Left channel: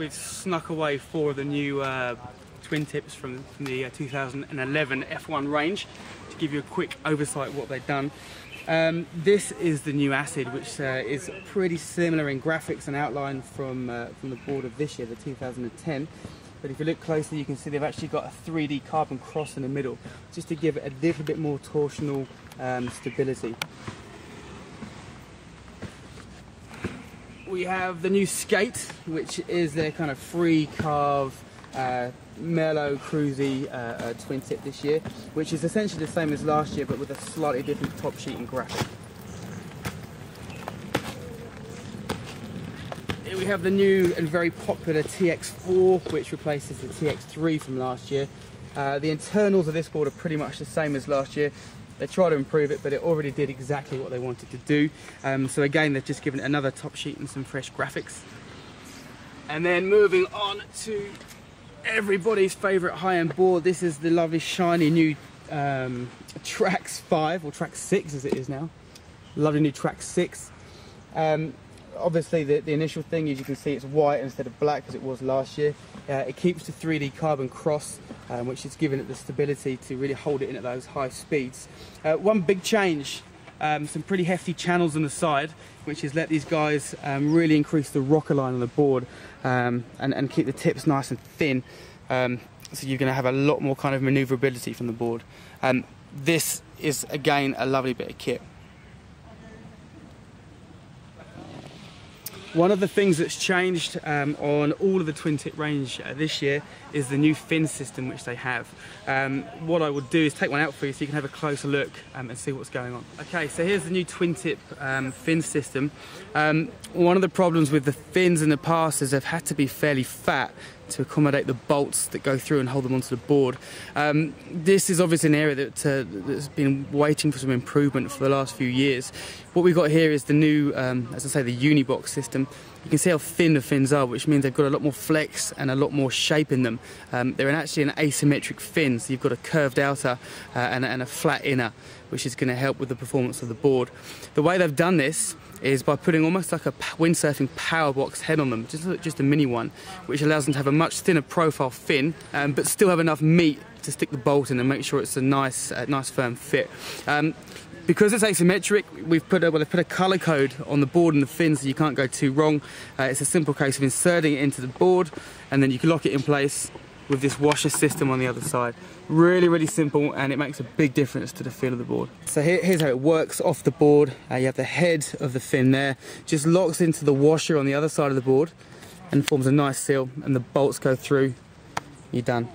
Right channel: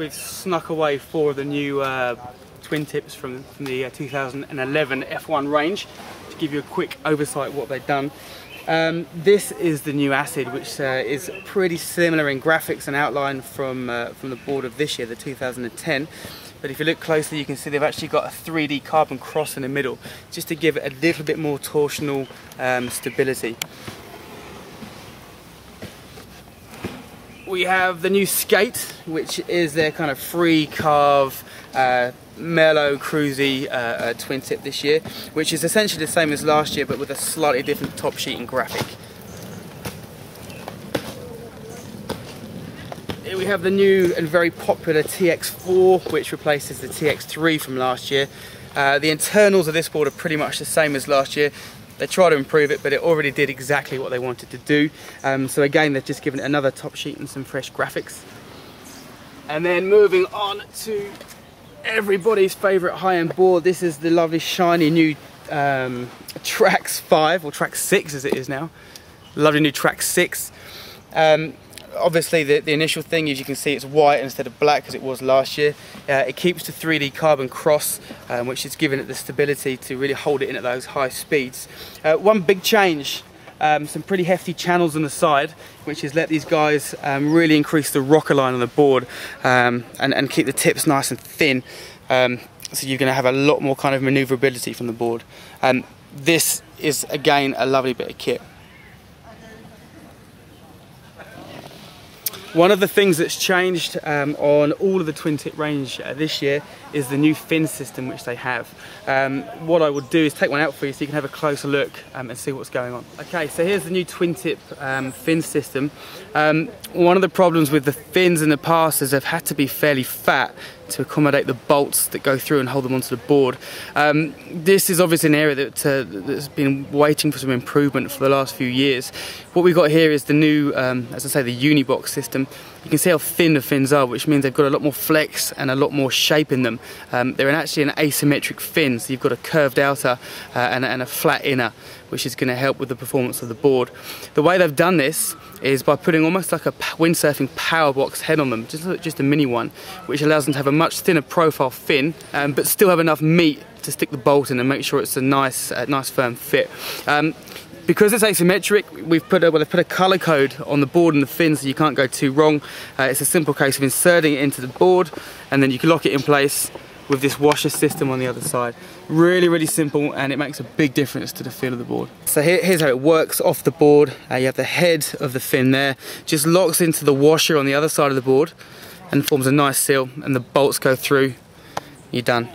we've snuck away 4 of the new twin tips from the 2011 F1 range to give you a quick oversight of what they've done. This is the new Acid, which is pretty similar in graphics and outline from the board of this year, the 2010. But if you look closely, you can see they've actually got a 3D carbon cross in the middle, just to give it a little bit more torsional stability. We have the new Skate, which is their kind of free carve, mellow, cruisy twin tip this year, which is essentially the same as last year, but with a slightly different top sheet and graphic. Here we have the new and very popular TX4, which replaces the TX3 from last year. The internals of this board are pretty much the same as last year. They try to improve it, but it already did exactly what they wanted to do. So again, they've just given it another top sheet and some fresh graphics. And then moving on to everybody's favourite high-end board. This is the lovely shiny new Trax 5, or Trax 6 as it is now. Lovely new Trax 6. Obviously the initial thing is, you can see it's white instead of black as it was last year. It keeps the 3D carbon cross, which is giving it the stability to really hold it in at those high speeds. One big change, some pretty hefty channels on the side, which has let these guys really increase the rocker line on the board and keep the tips nice and thin. So you're going to have a lot more kind of manoeuvrability from the board. This is again a lovely bit of kit. One of the things that's changed on all of the twin tip range this year is the new fin system which they have. What I will do is take one out for you so you can have a closer look and see what's going on. Okay, so here's the new twin tip fin system. One of the problems with the fins in the past is they've had to be fairly fat to accommodate the bolts that go through and hold them onto the board. This is obviously an area that's been waiting for some improvement for the last few years. What we've got here is the new, as I say, the Unibox system. You can see how thin the fins are, which means they've got a lot more flex and a lot more shape in them. They're actually an asymmetric fin, so you've got a curved outer and a flat inner, which is going to help with the performance of the board. The way they've done this is by putting almost like a windsurfing power box head on them, just a mini one, which allows them to have a much thinner profile fin, but still have enough meat to stick the bolt in and make sure it's a nice firm fit. Because it's asymmetric, they've put a colour code on the board and the fin, so you can't go too wrong. It's a simple case of inserting it into the board, and then you can lock it in place with this washer system on the other side. Really, really simple, and it makes a big difference to the feel of the board. So here's how it works off the board. You have the head of the fin there, just locks into the washer on the other side of the board and forms a nice seal, and the bolts go through. You're done.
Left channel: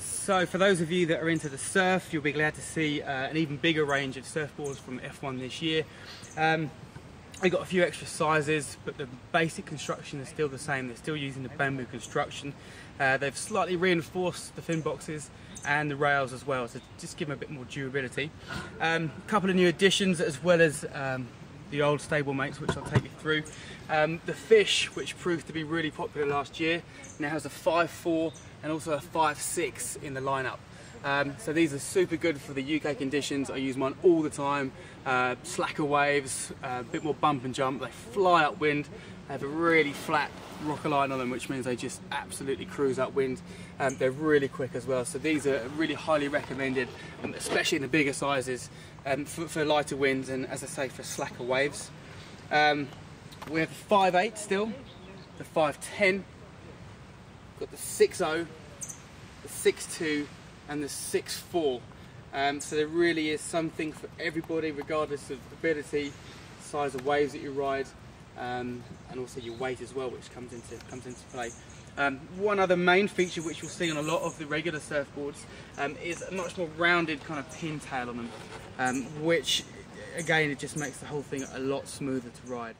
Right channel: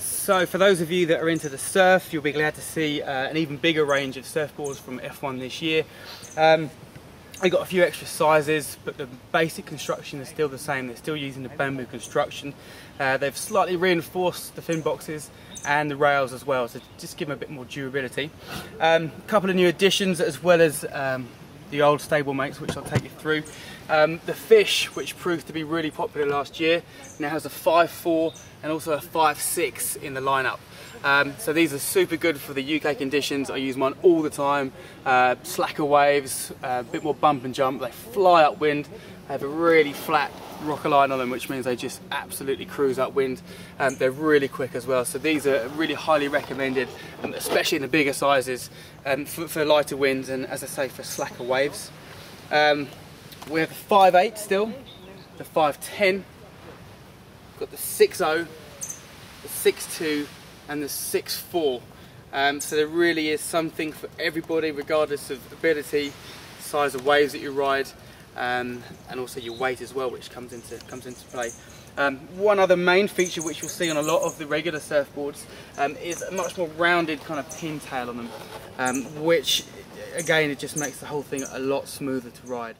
So for those of you that are into the surf, you'll be glad to see an even bigger range of surfboards from F1 this year. I got a few extra sizes, but the basic construction is still the same. They're still using the bamboo construction. They've slightly reinforced the fin boxes and the rails as well, so just give them a bit more durability. A couple of new additions, as well as the old stablemates, which I'll take you through. The Fish, which proved to be really popular last year, now has a 5.4 and also a 5.6 in the lineup. So these are super good for the UK conditions. I use mine all the time. Slacker waves, a bit more bump and jump. They fly upwind. They have a really flat rocker line on them, which means they just absolutely cruise upwind. They're really quick as well. So these are really highly recommended, especially in the bigger sizes, for lighter winds and, as I say, for slacker waves. We have the 5.8 still, the 5.10, got the 6.0, the 6.2 and the 6.4. So there really is something for everybody, regardless of ability, size of waves that you ride, and also your weight as well, which comes into play. One other main feature which you'll see on a lot of the regular surfboards is a much more rounded kind of pintail on them, which again, it just makes the whole thing a lot smoother to ride.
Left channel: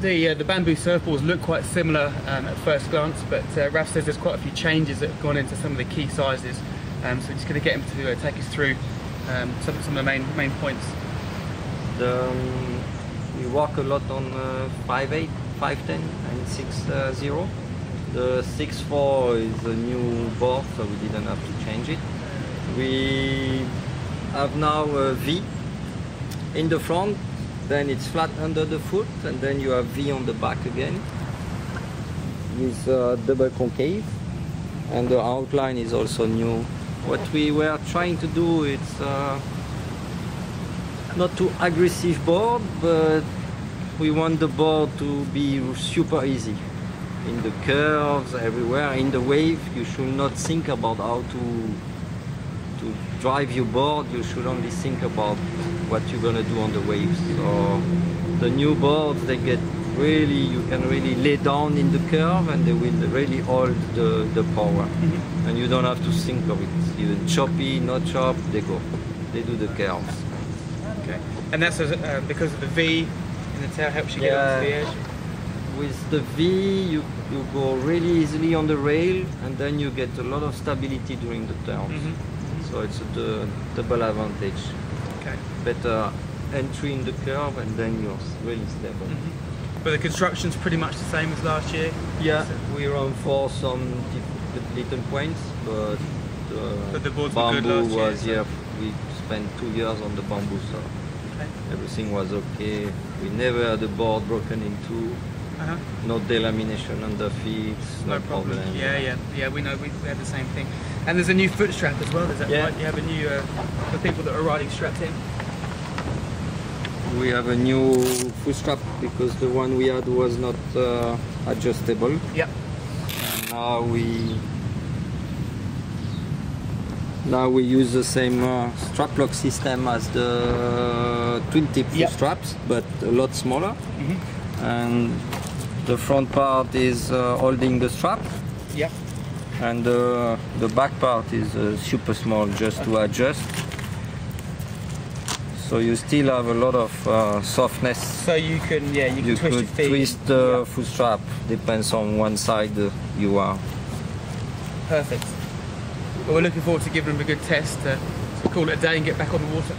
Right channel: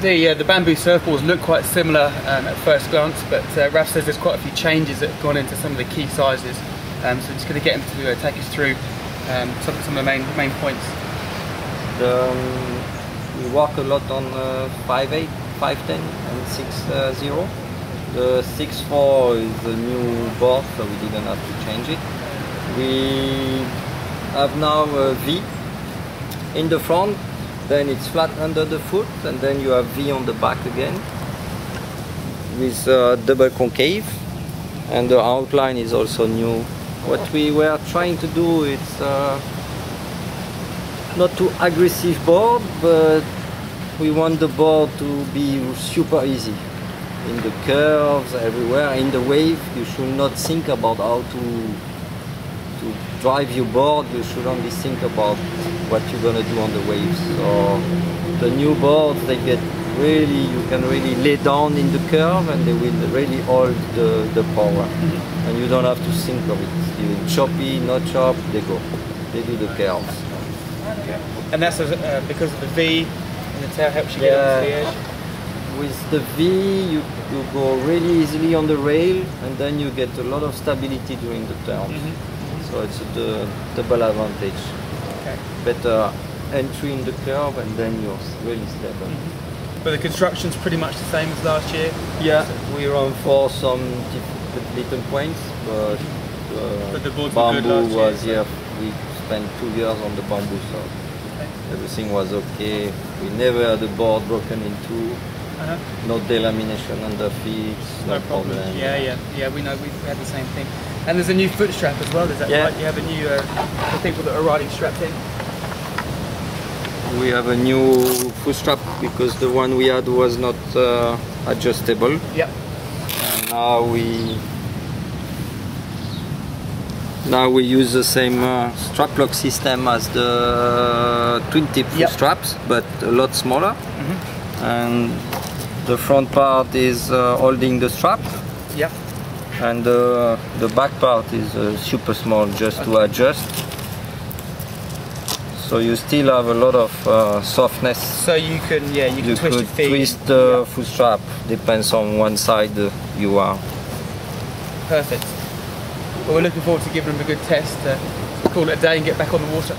The bamboo surfboards look quite similar at first glance, but Raph says there's quite a few changes that have gone into some of the key sizes. So I'm just going to get him to take us through some of the main points. We work a lot on 5.8, 5.10 and 6.0. The 6.4 is a new board, so we didn't have to change it. We have now a V in the front, then it's flat under the foot, and then you have V on the back again with double concave, and the outline is also new. What we were trying to do is not too aggressive board, but we want the board to be super easy. In the curves, everywhere, in the wave, you should not think about how to drive your board. You should only think about what you're gonna do on the waves. So the new boards, they get really, you can really lay down in the curve and they will really hold the power. And you don't have to think of it. Even choppy, not chop, they go. They do the curves. Okay. And that's because of the V in the tail helps you get onto the edge? With the V, you go really easily on the rail, and then you get a lot of stability during the turns. So it's a double advantage. Okay. Better entry in the curve, and then you're really stable. But the construction's pretty much the same as last year? Yeah, we run for some little points, but the boards bamboo were good last year, was, we spent 2 years on the bamboo, so everything was okay. We never had a board broken in two. No delamination under feet, no problem. Yeah, we know, we had the same thing. And there's a new foot strap as well, is that right? You have a new, for people that are riding strapped in? We have a new foot strap because the one we had was not adjustable. Yep. And now we use the same strap lock system as the twin tip foot straps, but a lot smaller. And the front part is holding the strap. Yep. And the back part is super small, just to adjust. So you still have a lot of softness. So you can, you twist your feet. Twist the foot strap, depends on one side you are. Perfect. Well, we're looking forward to giving them a good test. So we'll call it a day and get back on the water.